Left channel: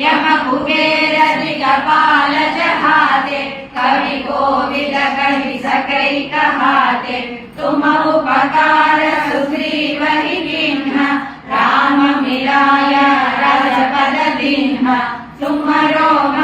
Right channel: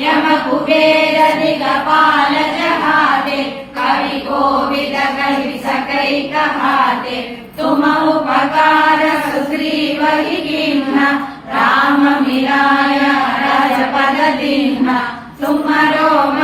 यम कुबेर दिगपाल जहाते, कवि कोविद कहि सकै कहाते। तुम उपकार सुग्रीव कीन्हा, राम मिलाय रसपद दीन्हा। तुमरो